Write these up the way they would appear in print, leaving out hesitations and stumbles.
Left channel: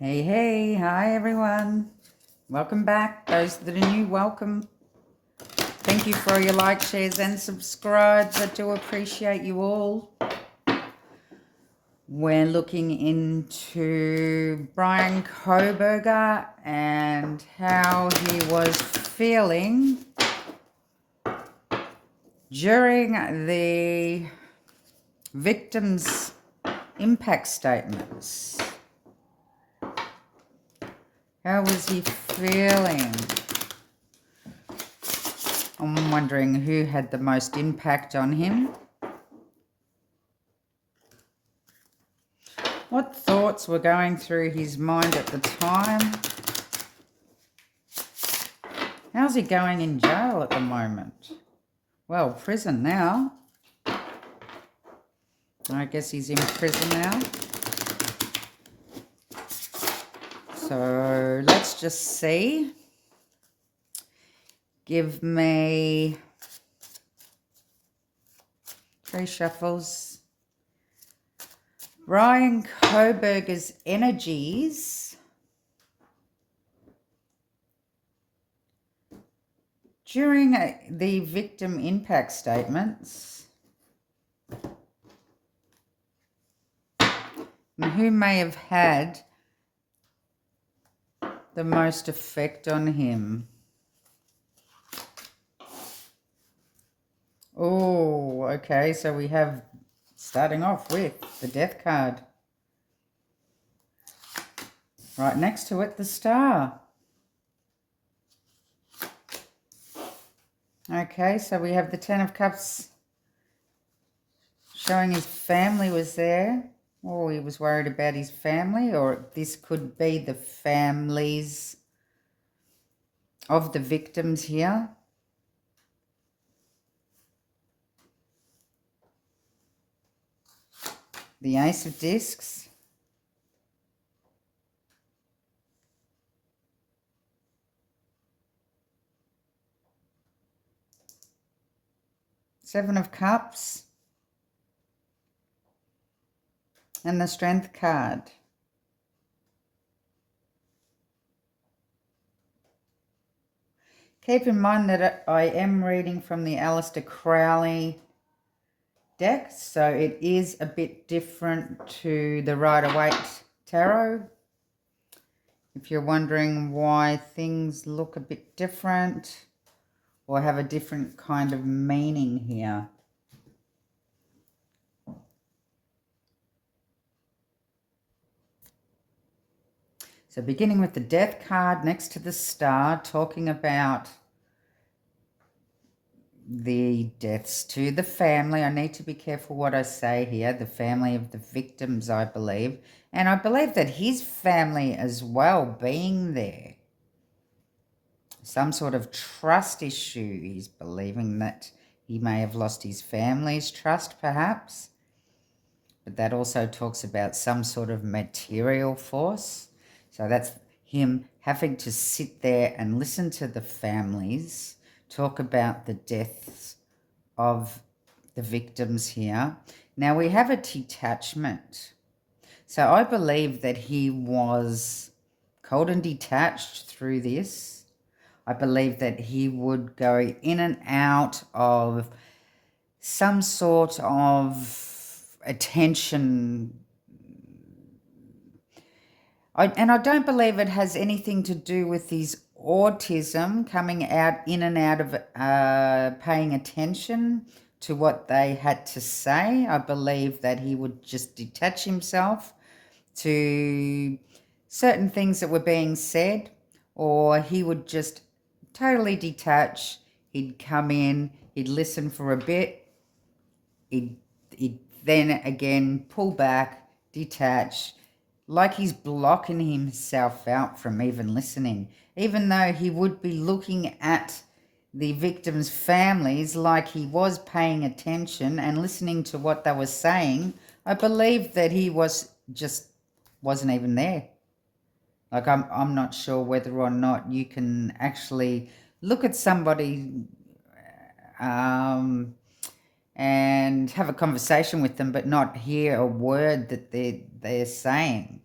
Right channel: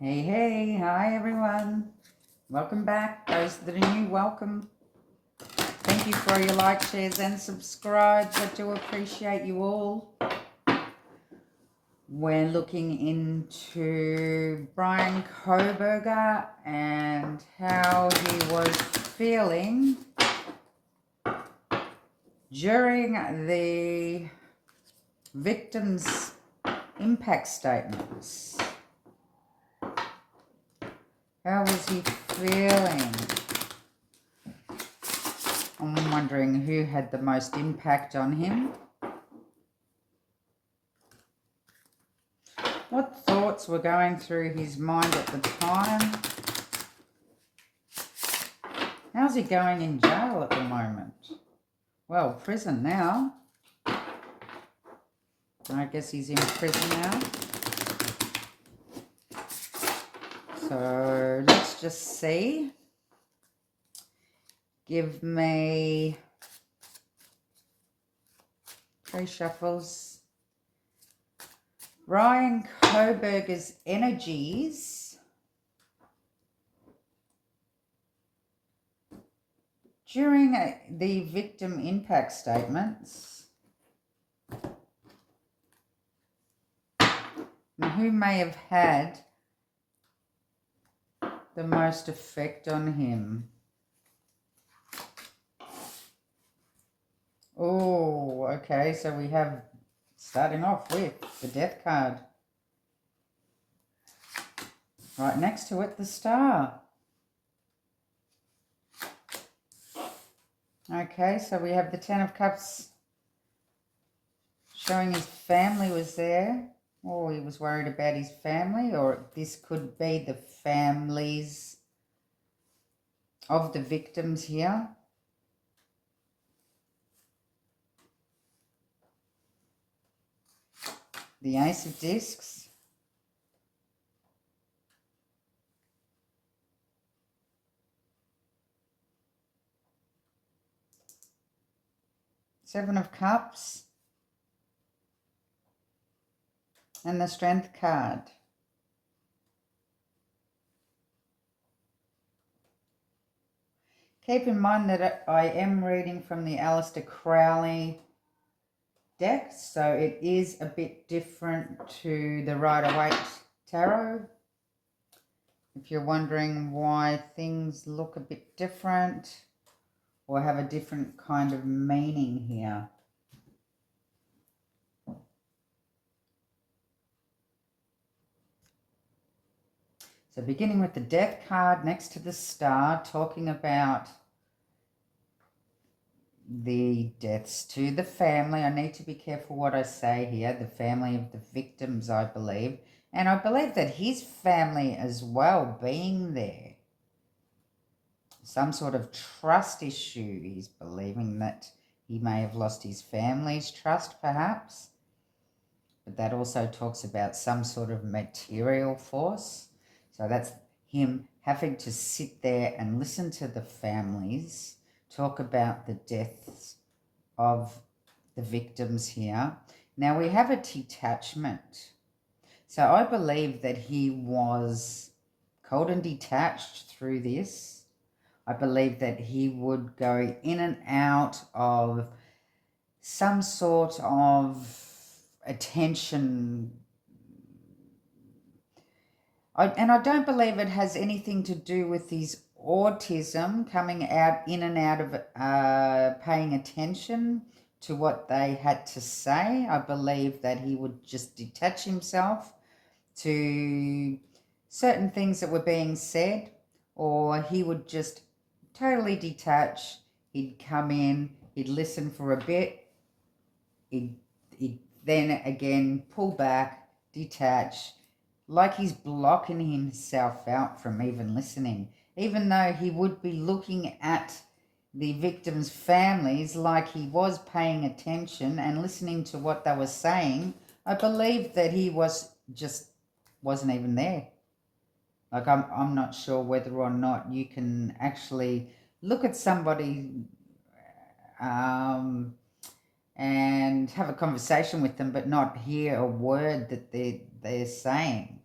Hey, hi everyone. Welcome back. Those that are new, welcome. Thank you for your likes, shares, and subscribes. I do appreciate you all. We're looking into Bryan Koberger and how he was feeling during the victim's impact statements. How was he feeling? I'm wondering who had the most impact on him. What thoughts were going through his mind at the time? How's he going in jail at the moment? Well, prison now. I guess he's in prison now. So let's just see. Give me 3 shuffles. Bryan Koberger's energies during the victim impact statements. And who may have had the most effect on him? Oh, okay, so we have, starting off with the Death card. Right next to it, the Star. Okay, so we have the 10 of Cups showing his family was there. Oh, he was worried about his family, or this could be the families of the victims here. The Ace of Discs. Seven of Cups. And the Strength card. Keep in mind that I am reading from the Aleister Crowley deck, so it is a bit different to the Rider-Waite Tarot. If you're wondering why things look a bit different or have a different kind of meaning here. So beginning with the Death card next to the Star, talking about the deaths to the family. I need to be careful what I say here. The family of the victims, I believe. And I believe that his family as well being there. Some sort of trust issue. He's believing that he may have lost his family's trust, perhaps. But that also talks about some sort of material force. So that's him having to sit there and listen to the families talk about the deaths of the victims here. Now we have a detachment. So I believe that he was cold and detached through this. I believe that he would go in and out of some sort of attention. And I don't believe it has anything to do with his autism coming out in and out of paying attention to what they had to say. I believe that he would just detach himself to certain things that were being said, or he would just totally detach. He'd come in, he'd listen for a bit, he'd then again pull back, detach, like he's blocking himself out from even listening, even though he would be looking at the victims' families like he was paying attention and listening to what they were saying. I believe that he wasn't even there. Like I'm not sure whether or not you can actually look at somebody and have a conversation with them but not hear a word that they're saying.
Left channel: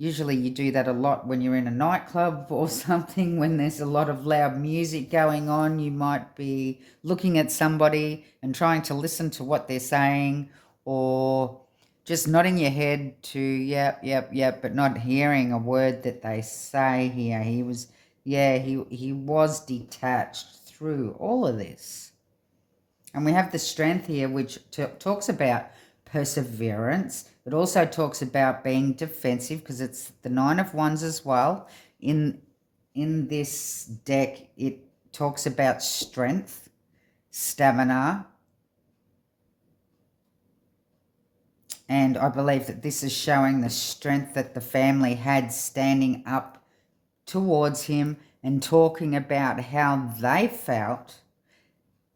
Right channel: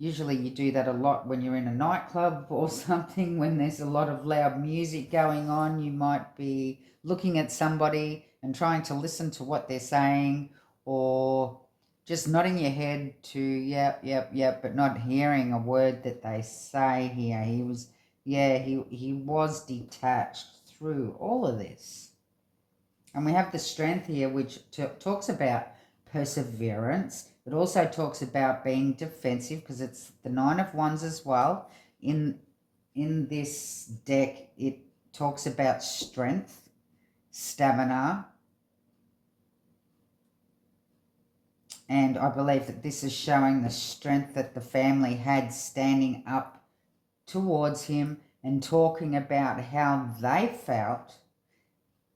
Usually you do that a lot when you're in a nightclub or something, when there's a lot of loud music going on. You might be looking at somebody and trying to listen to what they're saying, or just nodding your head to yep, yep, yep, but not hearing a word that they say here. He was, yeah, he was detached through all of this. And we have the strength here, which talks about perseverance. It also talks about being defensive, because it's the 9 of Wands as well. In this deck, it talks about strength, stamina, and I believe that this is showing the strength that the family had standing up towards him and talking about how they felt,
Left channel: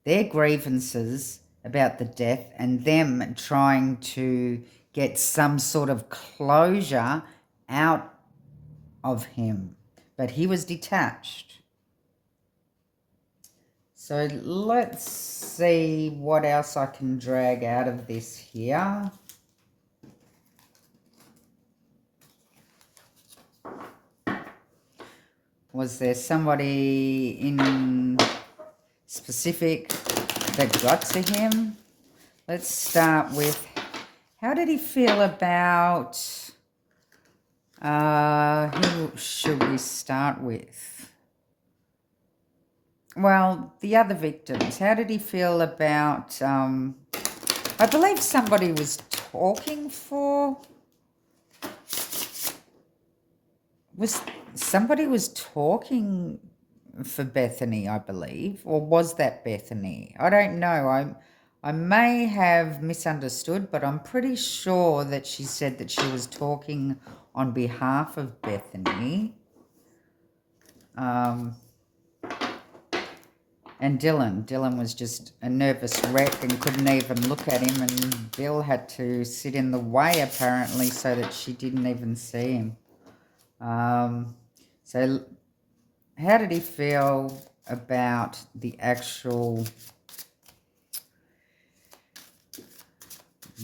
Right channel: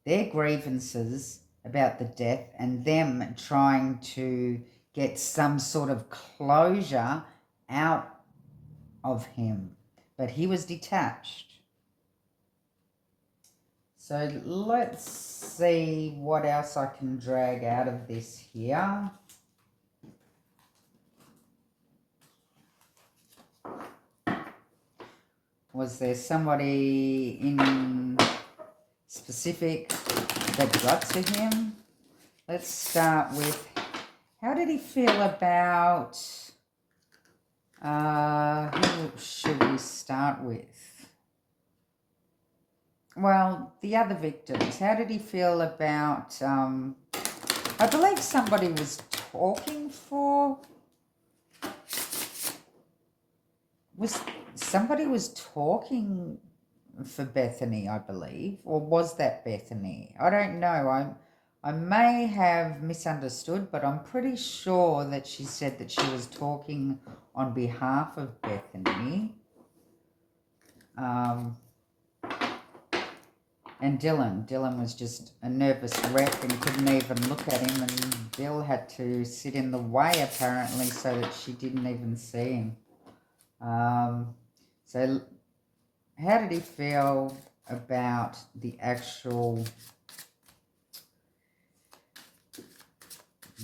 their grievances about the death, and them trying to get some sort of closure out of him. But he was detached. So let's see what else I can drag out of this here. Was there somebody in specific that got to him? Let's start with, how did he feel about, who should we start with? Well, the other victims. How did he feel about, I believe somebody was talking for, somebody was talking for Bethany, I believe, or was that Bethany? I don't know. I may have misunderstood, but I'm pretty sure that she said that she was talking on behalf of Bethany. And Dylan was just a nervous wreck and couldn't even look at him, and Bill had to sit in the way apparently so that she didn't even see him. So how did he feel about the actual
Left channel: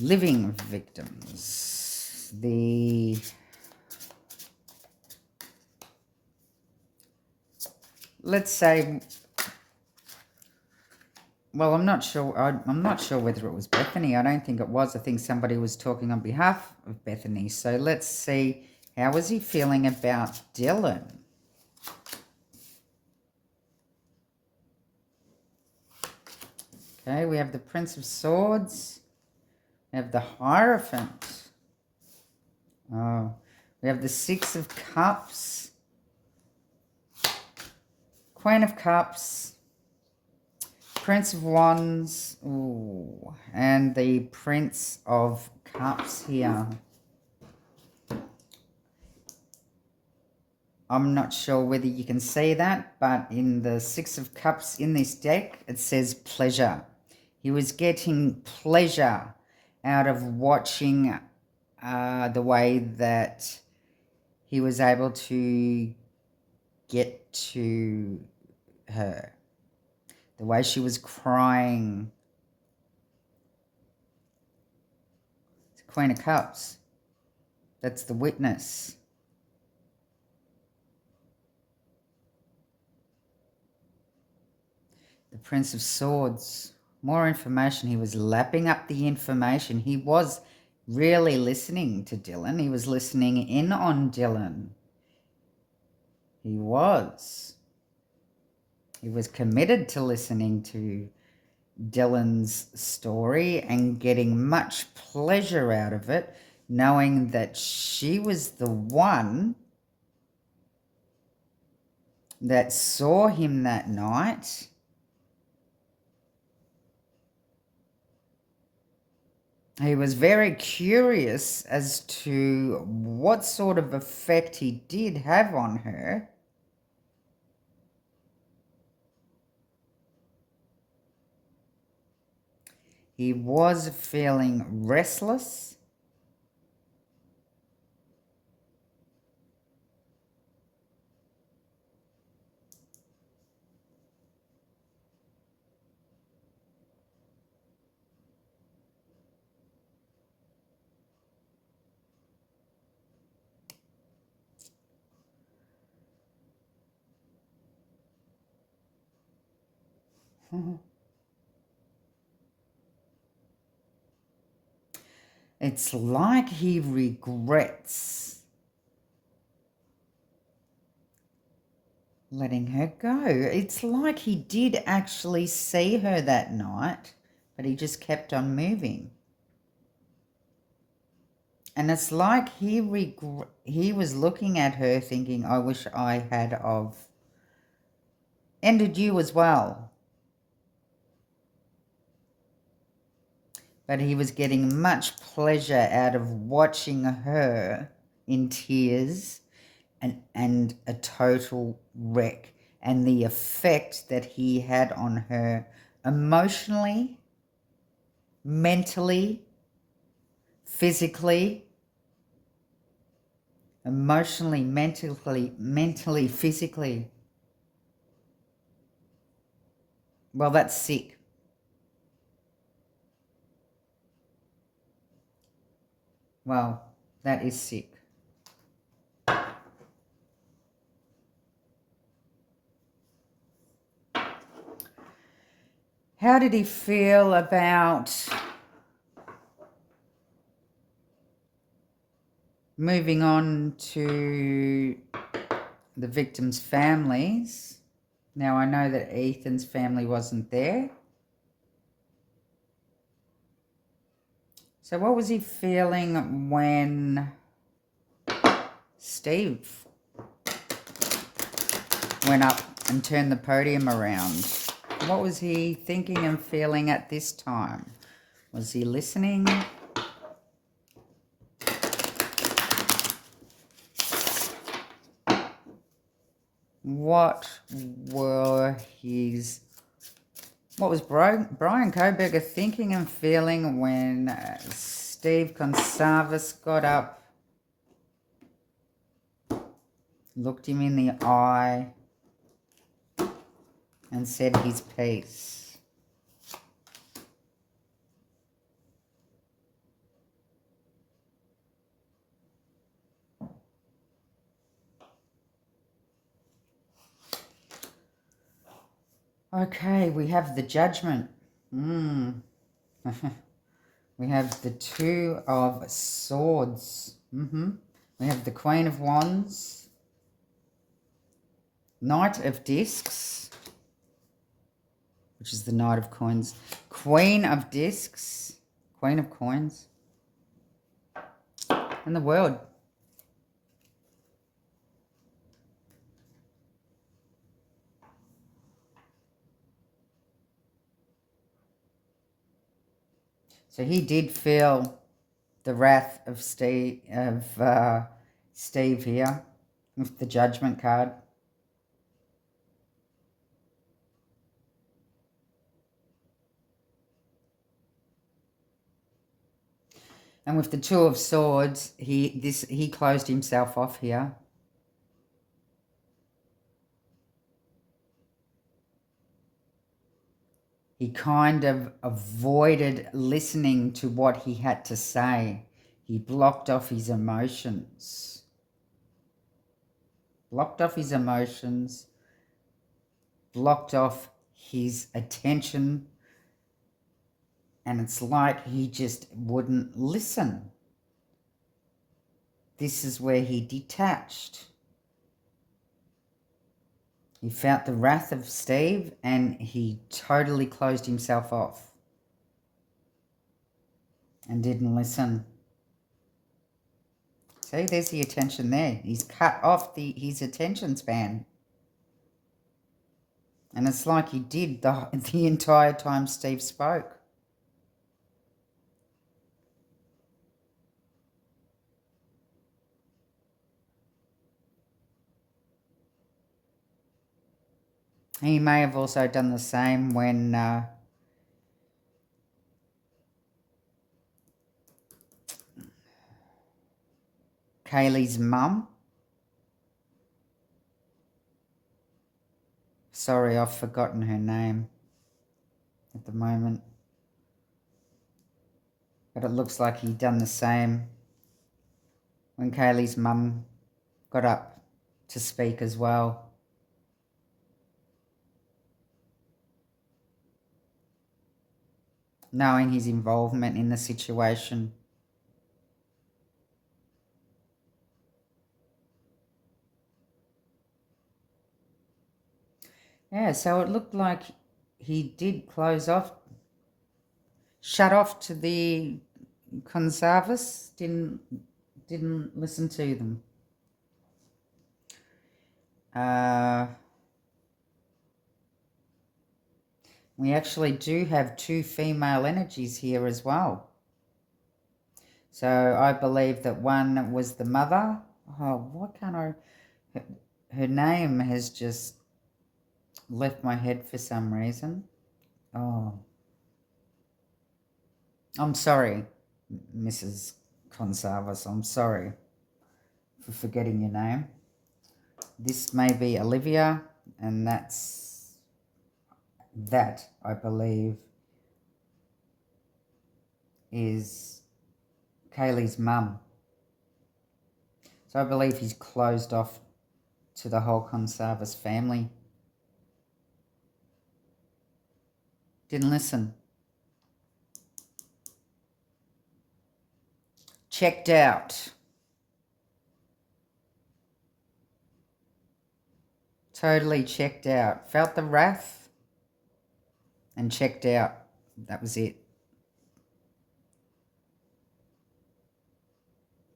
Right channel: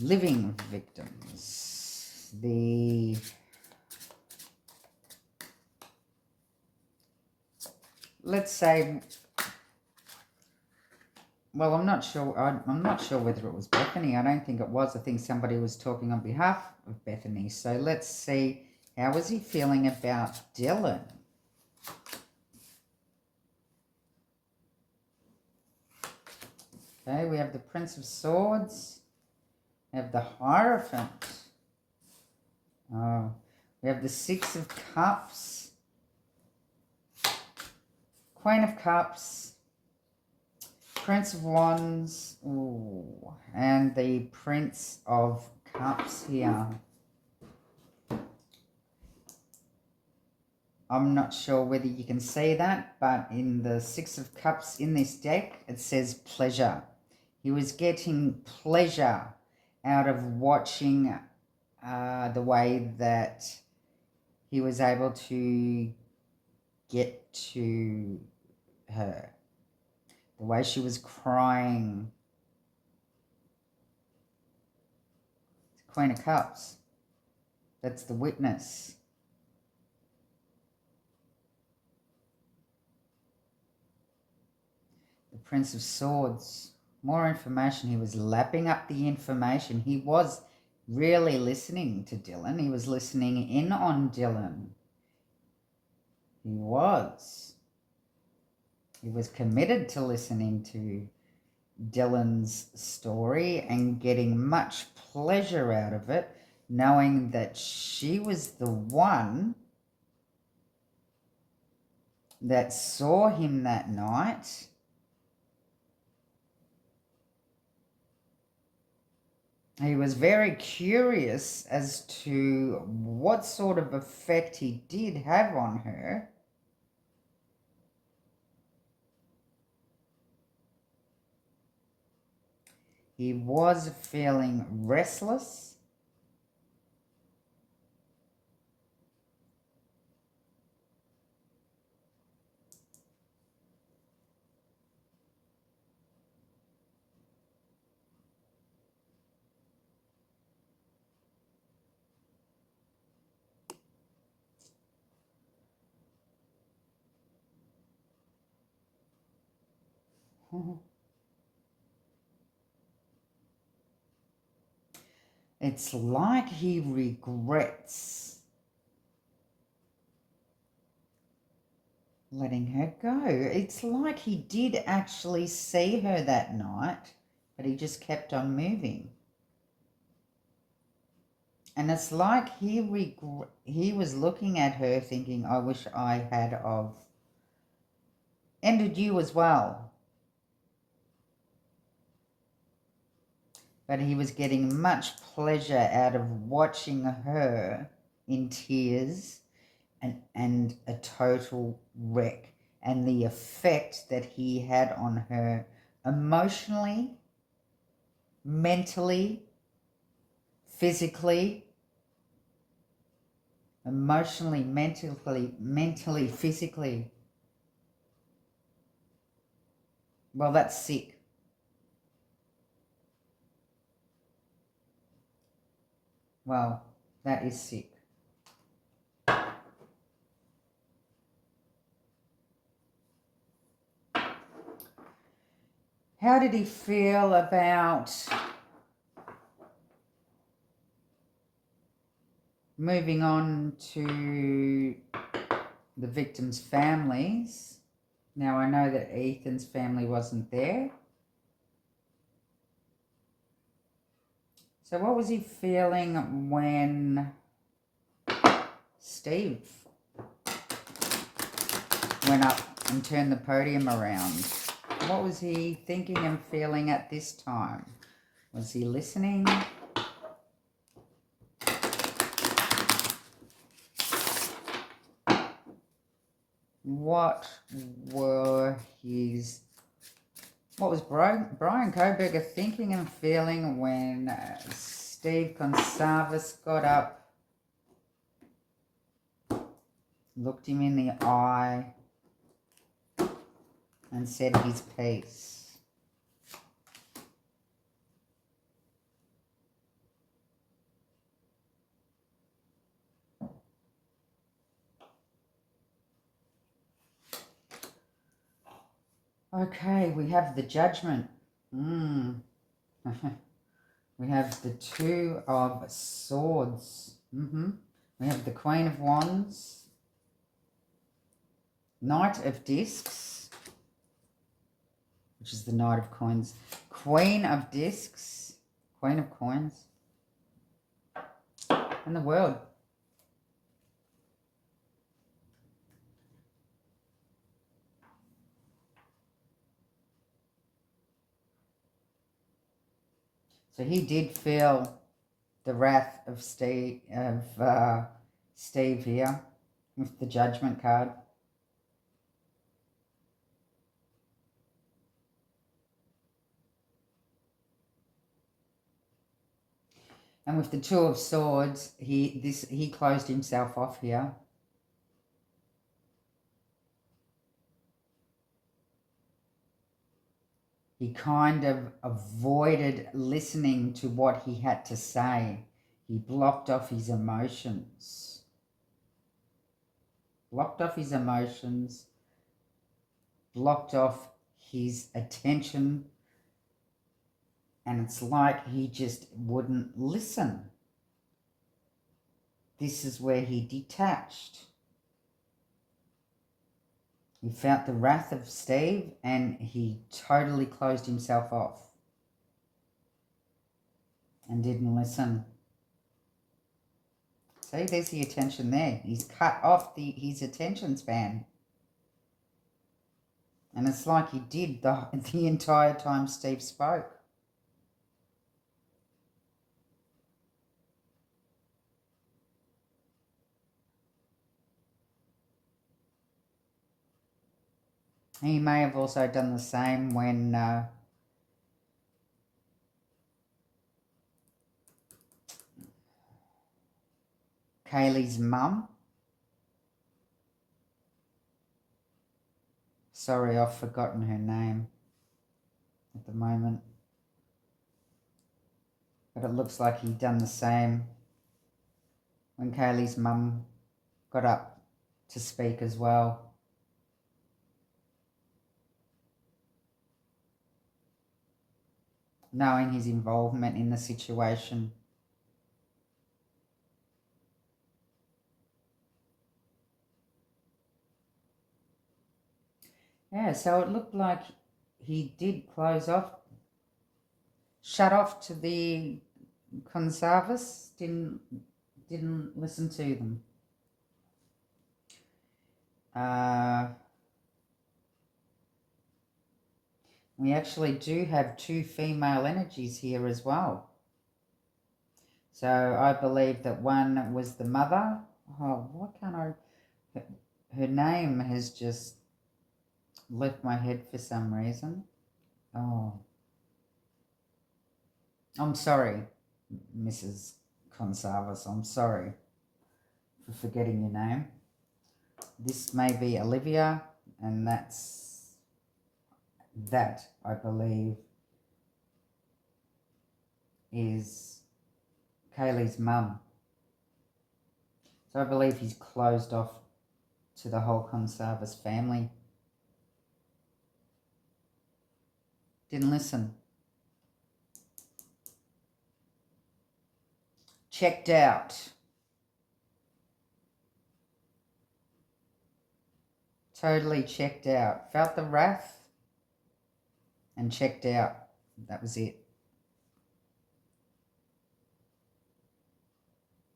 living victims? Let's say, well, I'm not sure whether it was Bethany. I don't think it was. I think somebody was talking on behalf of Bethany. So let's see, how was he feeling about Dylan? Okay, we have the Prince of Swords. We have the Hierophant. We have the 6 of Cups. Queen of Cups. Prince of Wands. Ooh, and the Prince of Cups here. I'm not sure whether you can see that, but in the 6 of Cups in this deck, it says pleasure. He was getting pleasure out of watching the way that he was able to get to her. The way she was crying. It's Queen of Cups. That's the witness. The Prince of Swords. More information. He was lapping up the information. He was really listening to Dylan. He was listening in on Dylan. He was. He was committed to listening to Dylan's story and getting much pleasure out of it, knowing that she was the one that saw him that night. He was very curious as to what sort of effect he did have on her. He was feeling restless. It's like he regrets letting her go. It's like he did actually see her that night, but he just kept on moving. And it's like he was looking at her thinking, I wish I had of ended you as well. But he was getting much pleasure out of watching her in tears and a total wreck, and the effect that he had on her emotionally, mentally, physically, emotionally, mentally, physically. Well, that's sick. Well, that is sick. How did he feel about moving on to the victims' families? Now, I know that Ethan's family wasn't there. So what was he feeling when Steve went up and turned the podium around? What was he thinking and feeling at this time? Was he listening? What was Bryan Kohberger thinking and feeling when Steve Consalvis got up, looked him in the eye, and said his piece? Okay, we have the Judgment. We have the Two of Swords. We have the Queen of Wands, Knight of Discs, which is the Knight of Coins, Queen of Discs, Queen of Coins, and the World. So he did feel the wrath of Steve here with the Judgment card. And with the Two of Swords, he closed himself off here. He kind of avoided listening to what he had to say. He blocked off his emotions. Blocked off his emotions. Blocked off his attention. And it's like he just wouldn't listen. This is where he detached. He felt the wrath of Steve and he totally closed himself off and didn't listen. See, there's the attention there. He's cut off his attention span. And it's like he did the entire time Steve spoke. He may have also done the same when Kaylee's mum. Sorry, I've forgotten her name at the moment. But it looks like he'd done the same when Kaylee's mum got up to speak as well. knowing his involvement in the situation. Yeah, so it looked like he did close off, shut off to the conservatives, didn't listen to them. We actually do have 2 female energies here as well. So I believe that one was the mother. Oh, why can't I? Her name has just left my head for some reason. Oh, I'm sorry, Mrs. Conservas. I'm sorry for forgetting your name. This may be Olivia, and that I believe is Kaylee's mum. So I believe he's closed off to the whole Conservas family. Didn't listen. Checked out. Totally checked out. Felt the wrath and checked out. That was it.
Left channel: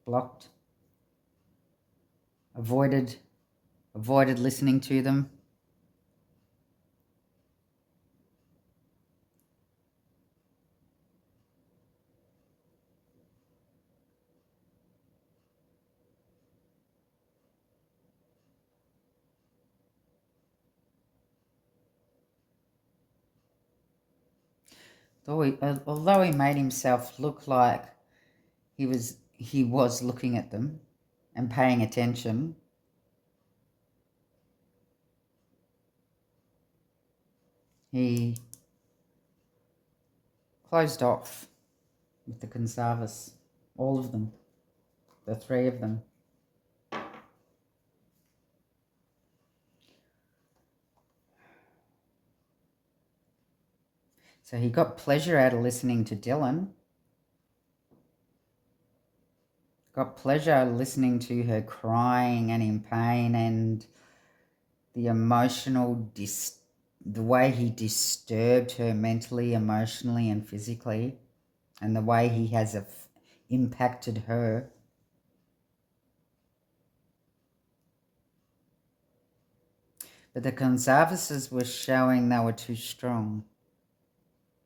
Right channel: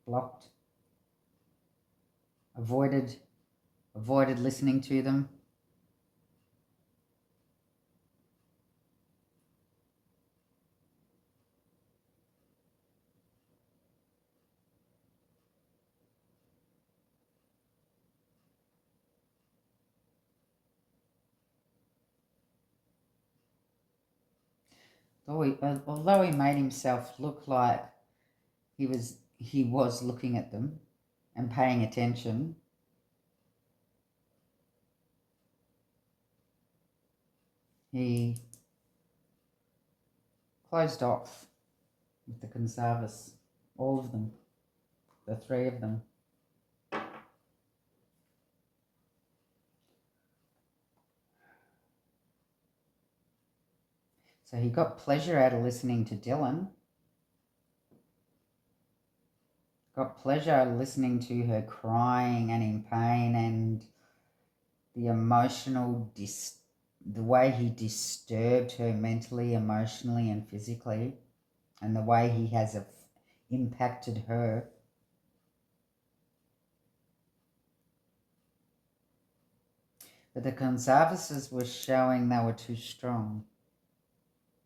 Blocked. Avoided listening to them. Although he made himself look like he was looking at them and paying attention, he closed off with the Conservas, all of them, the 3 of them. So he got pleasure out of listening to Dylan. Got pleasure out of listening to her crying and in pain, and the the way he disturbed her mentally, emotionally, and physically, and the way he has impacted her. But the Conservatives were showing they were too strong.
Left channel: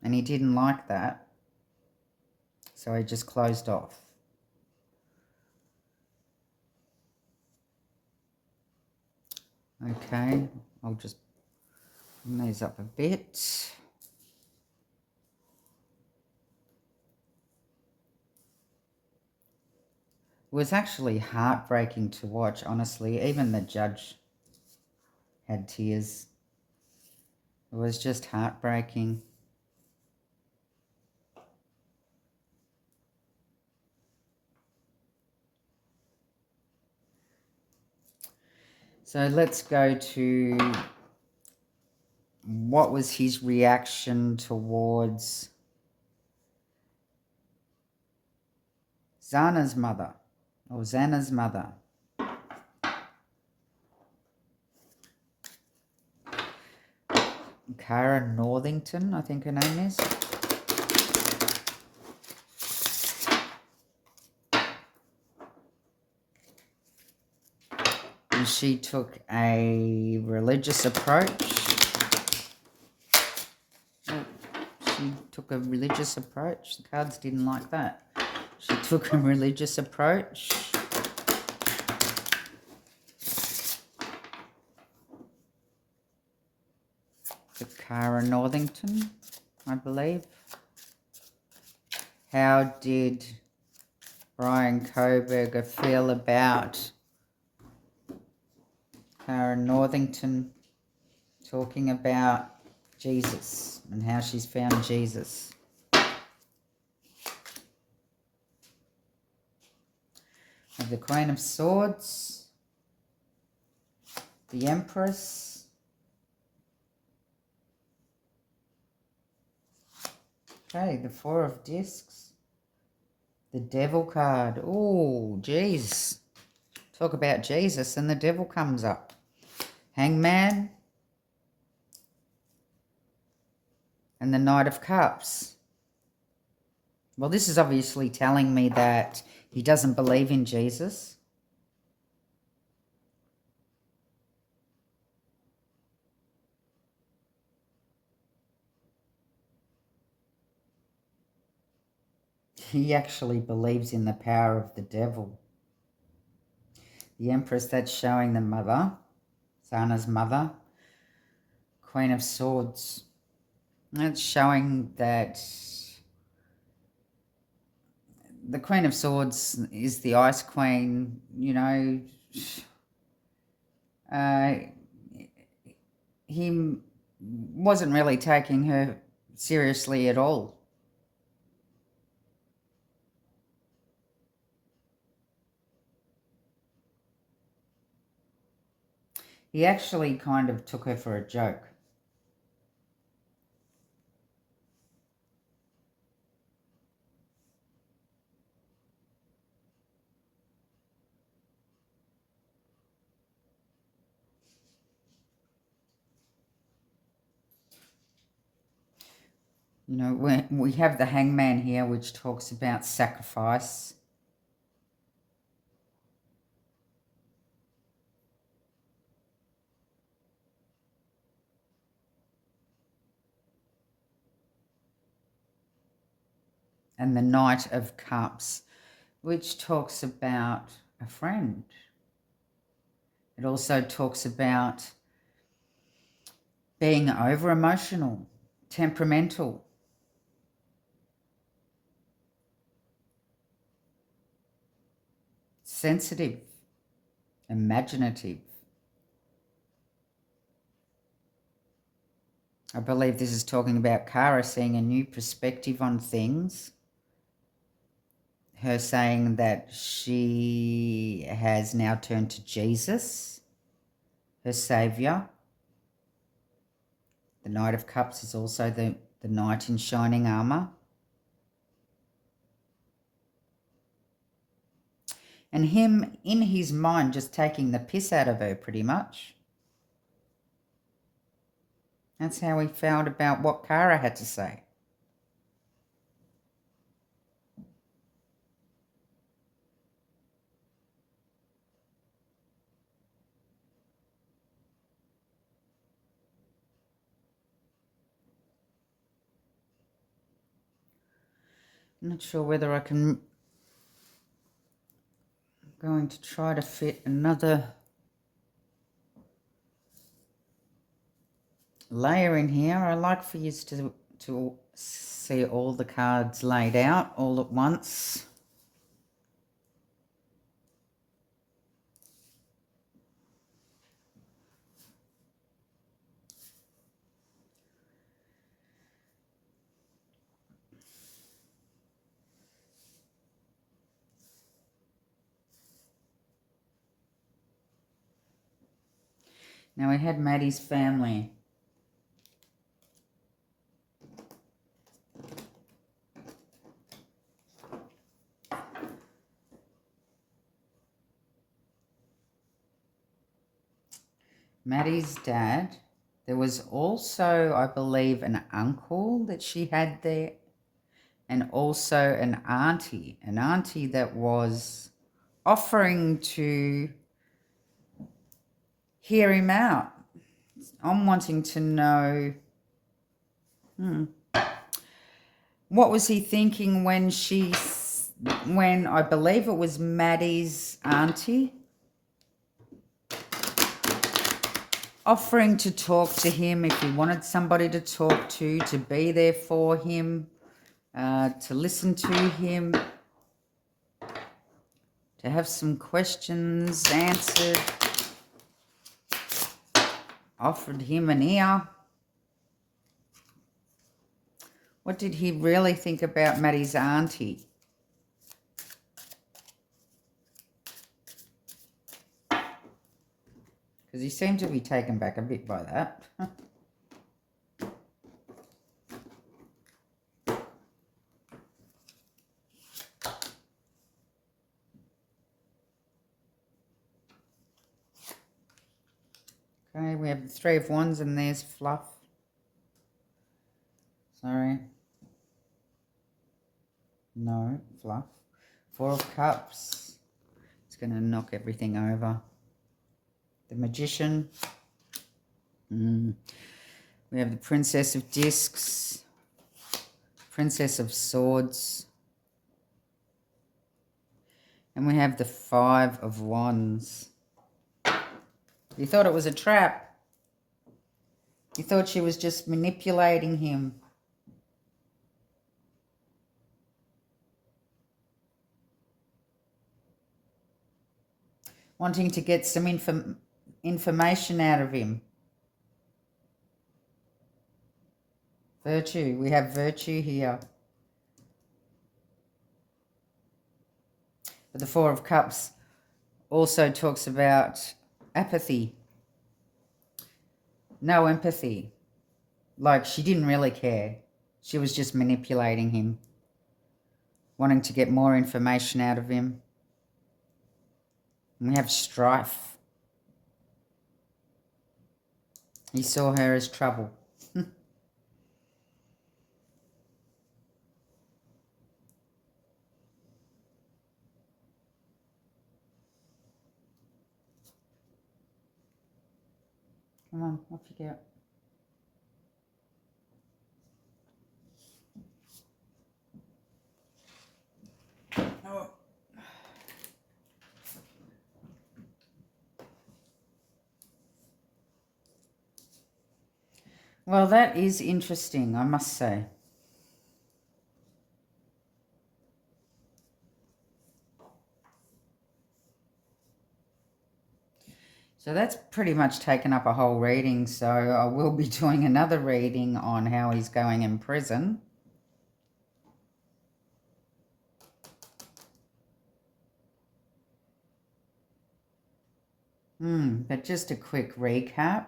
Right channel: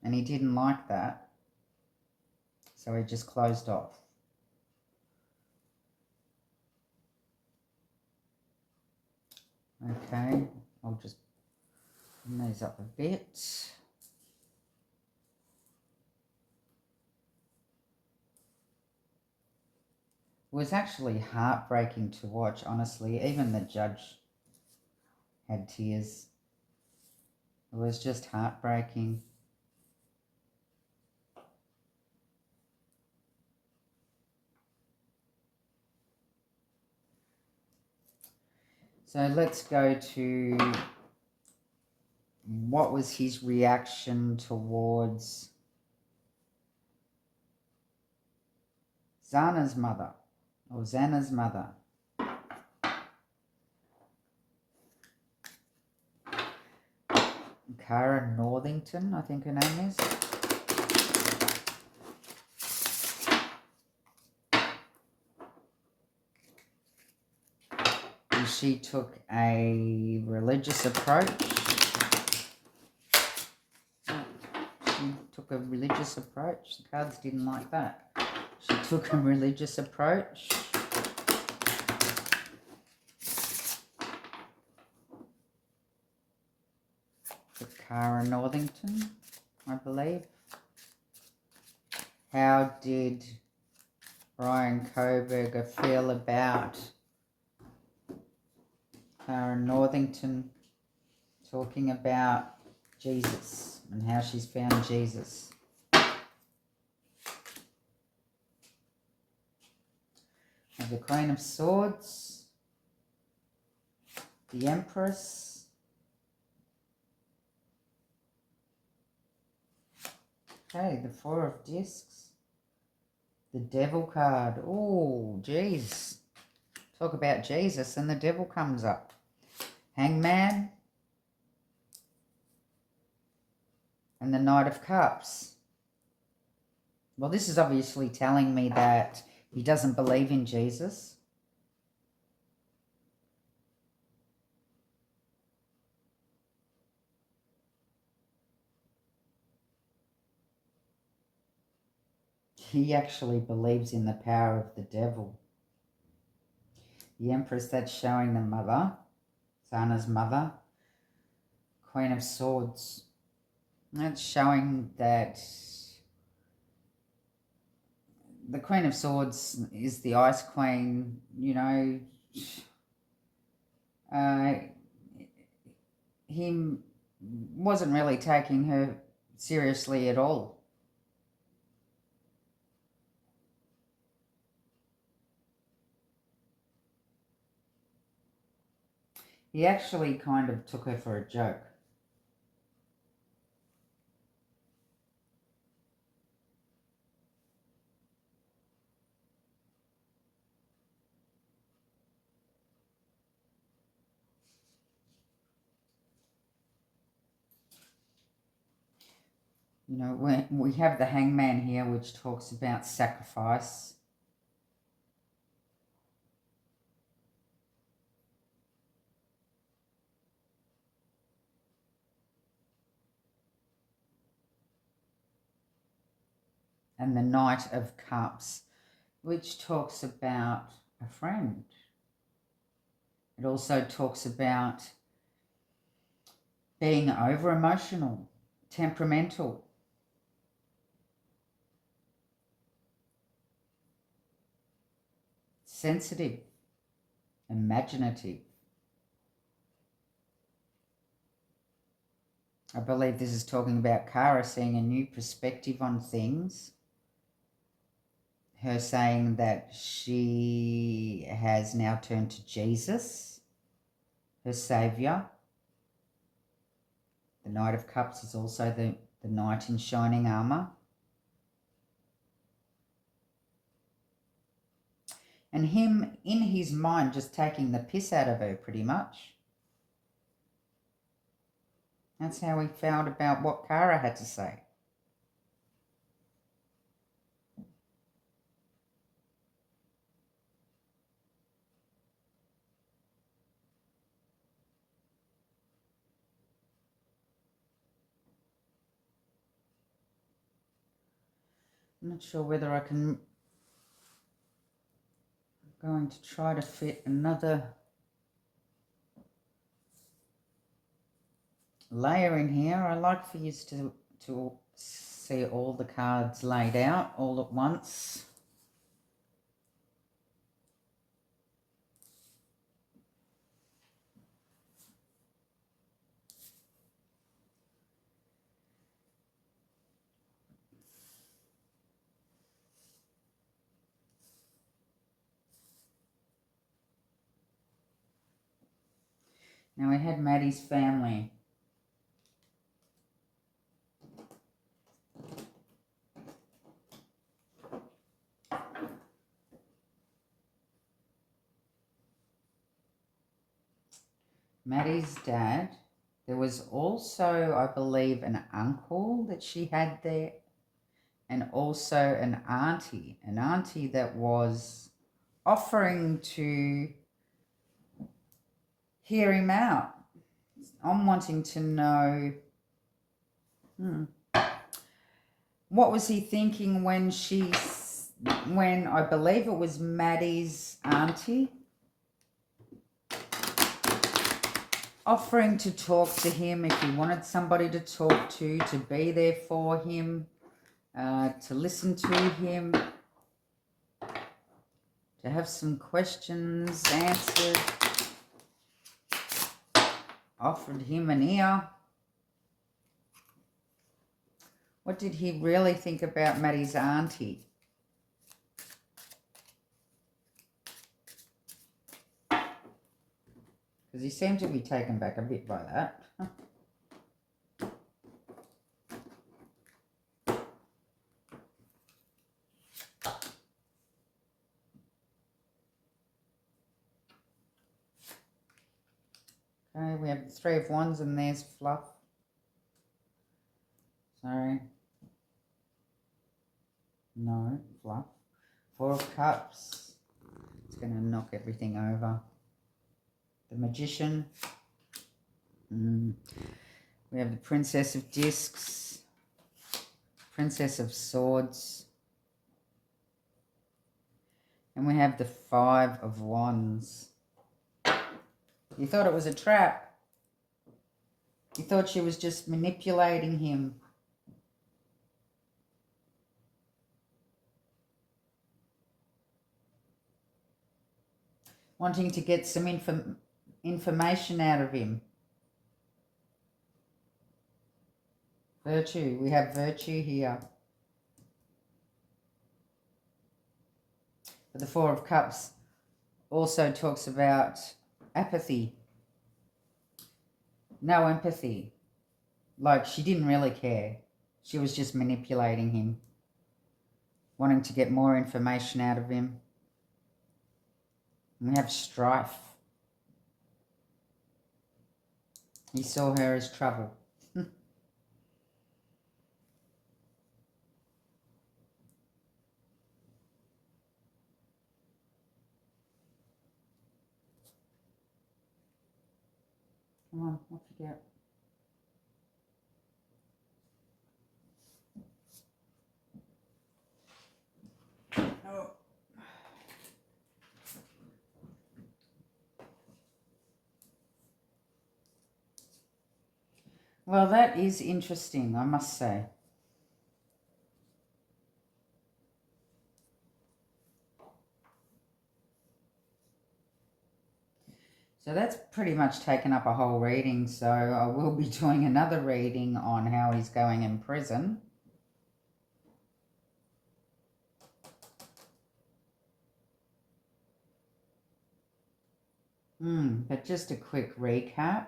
And he didn't like that. So he just closed off. Okay, I'll just bring these up a bit. It was actually heartbreaking to watch, honestly. Even the judge had tears. It was just heartbreaking. So let's go to what was his reaction towards Xana's mother, or Xana's mother. Cara Northington, I think her name is. And she took a religious approach. She took a religious approach. The cards didn't like that. She took a religious approach. To Cara Northington, I believe. How did BRYAN Koberger feel about Cara Northington talking about Jesus and how she's found Jesus? Have the Queen of Swords, the Empress, Okay, the Four of Discs. The Devil card. Oh, geez. Talk about Jesus and the devil comes up. Hangman. And the Knight of Cups. Well, this is obviously telling me that he doesn't believe in Jesus. He actually believes in the power of the devil. The Empress, that's showing the mother, Sana's mother. Queen of Swords. That's showing that the Queen of Swords is the Ice Queen, you know. He wasn't really taking her seriously at all. He actually kind of took her for a joke. You know, we have the Hangman here, which talks about sacrifice. And the Knight of Cups, which talks about a friend. It also talks about being over-emotional, temperamental, sensitive, imaginative. I believe this is talking about Kara seeing a new perspective on things. Her saying that she has now turned to Jesus, her saviour. The Knight of Cups is also the knight in shining armour. And him, in his mind, just taking the piss out of her, pretty much. That's how he felt about what Kara had to say. I'm not sure whether I can... I'm going to try to fit another layer in here. I like for you to see all the cards laid out all at once. Now we had Maddie's family. Maddie's dad. There was also, I believe, an uncle that she had there, and also an auntie that was offering to hear him out. I'm wanting to know, what was he thinking when I believe it was Maddie's auntie, offering to talk to him if he wanted somebody to talk to be there for him, to listen to him, to have some questions answered, offered him an ear. What did he really think about Maddie's auntie? Because he seemed to be taken back a bit by that. Three of Wands, and there's fluff. Sorry. No, fluff. Four of Cups. It's going to knock everything over. The Magician. We have the Princess of Discs. Princess of Swords. And we have the Five of Wands. You thought it was a trap. You thought she was just manipulating him. Wanting to get some information out of him. Virtue. We have virtue here. But the Four of Cups also talks about apathy. No empathy. Like she didn't really care. She was just manipulating him. Wanting to get more information out of him. And we have strife. He saw her as trouble. Come on, off you go. Oh. Well, that is interesting, I must say. So that's pretty much taken up a whole reading, so I will be doing another reading on how he's going in prison. But just a quick recap.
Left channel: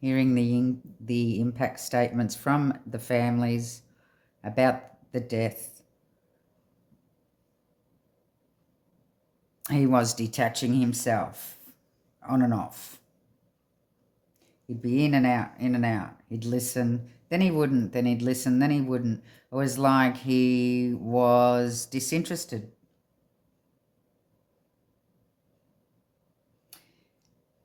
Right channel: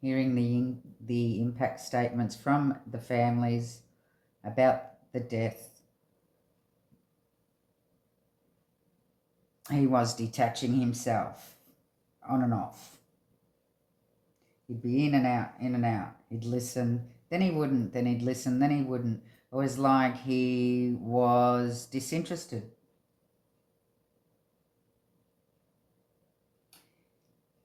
Hearing the impact statements from the families about the death. He was detaching himself on and off. He'd be in and out, in and out. He'd listen, then he wouldn't, then he'd listen, then he wouldn't. It was like he was disinterested.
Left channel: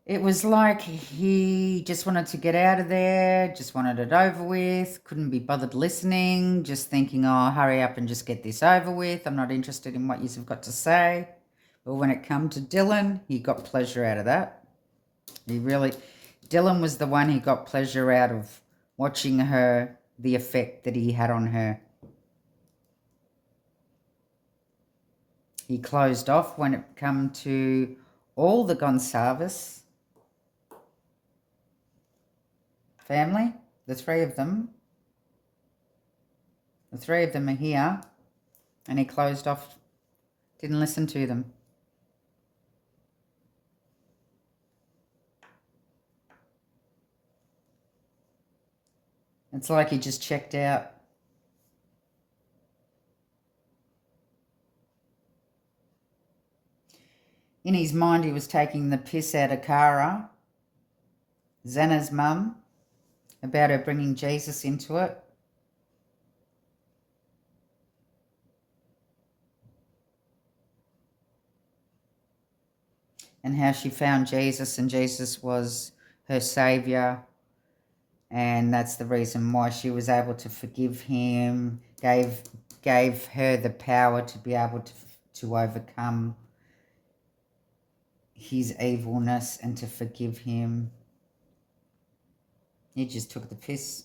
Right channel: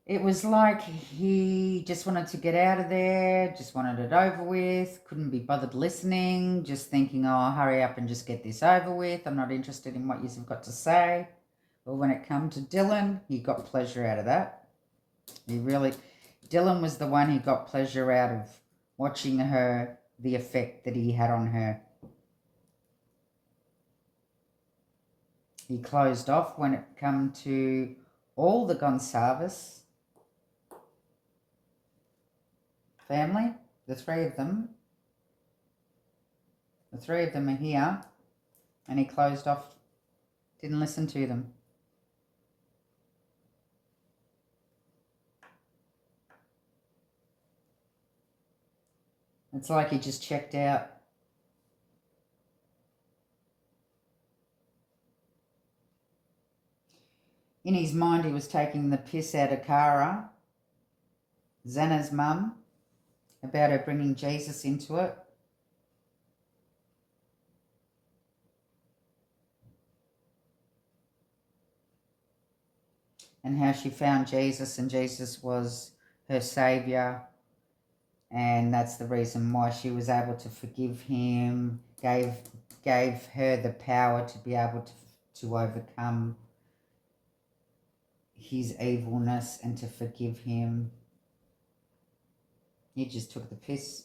It was like he just wanted to get out of there, just wanted it over with, couldn't be bothered listening, just thinking, oh, hurry up and just get this over with. I'm not interested in what you've got to say. But when it come to Dylan, he got pleasure out of that. Dylan was the one who got pleasure out of watching her, the effect that he had on her. He closed off when it come to all the Gonsalves family, the three of them. The three of them are here, and he closed off, didn't listen to them. It's like he just checked out. In his mind, he was taking the piss out of Cara, Xana's mum, about her bringing Jesus into it. And how she found Jesus, and Jesus was her saviour. And that's the reason why she was able to forgive him, gave her the power to be able to overcome his evilness and to forgive him. He just took the piss.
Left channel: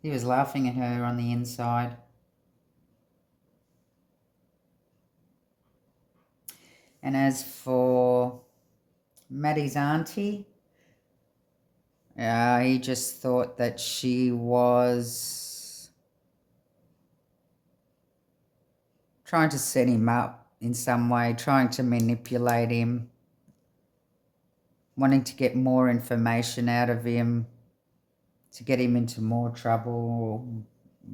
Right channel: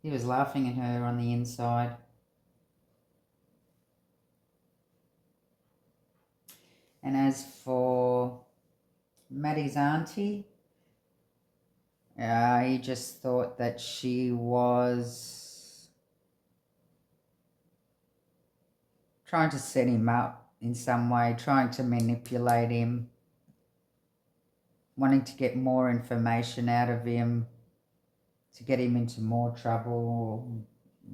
He was laughing at her on the inside. And as for Maddie's auntie, he just thought that she was trying to set him up in some way, trying to manipulate him, wanting to get more information out of him, to get him into more trouble,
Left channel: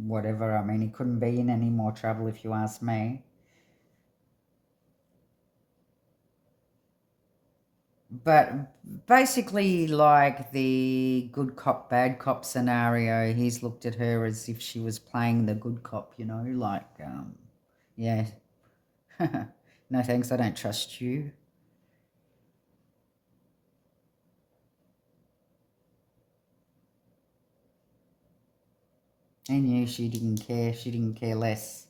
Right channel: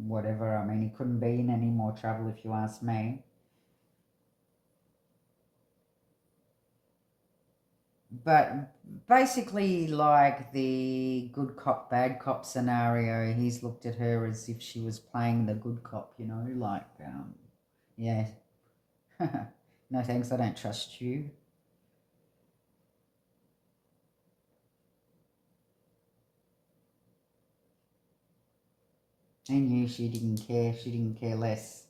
whatever. I mean, he couldn't be in any more trouble if you ask me. But basically, like the good cop, bad cop scenario, he's looked at her as if she was playing the good cop, you know, like, yeah, no thanks, I don't trust you. He knew she didn't care less.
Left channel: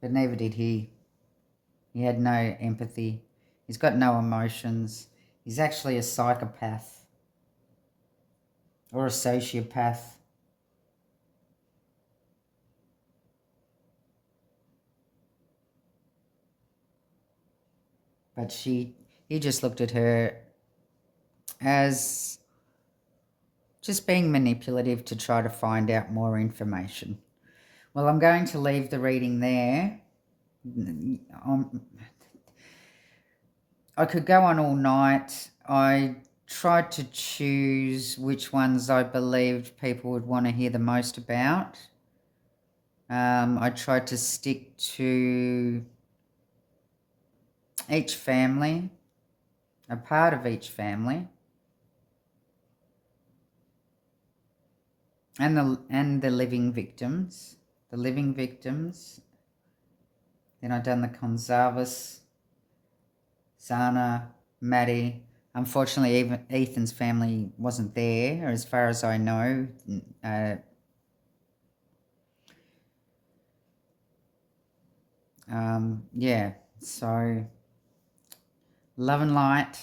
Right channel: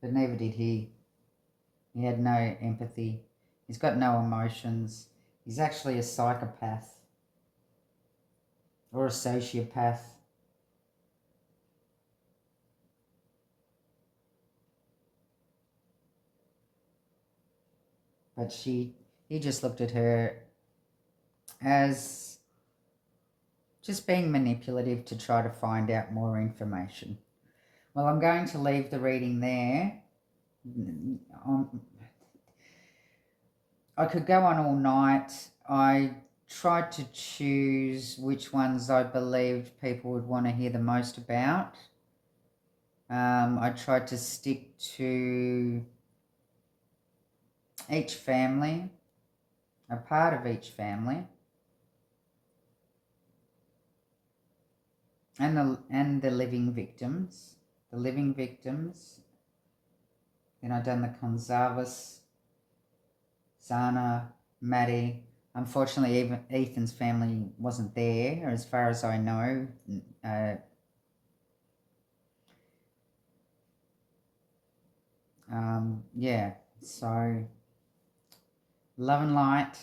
But neither did he. He had no empathy. He's got no emotions. He's actually a psychopath or a sociopath. But he just looked at her as just being manipulative to try to find out more information. Well, I'm going to leave the reading there. I could go on all night. I tried to choose which ones I believed people would want to hear the most about. I tried to stick to each family, a part of each family, and the living victims. The living victims. Then I've done the Gonzalez, Sana, Maddie. Unfortunately, even Ethan's family wasn't there, as far as I know. Yeah, so love and light.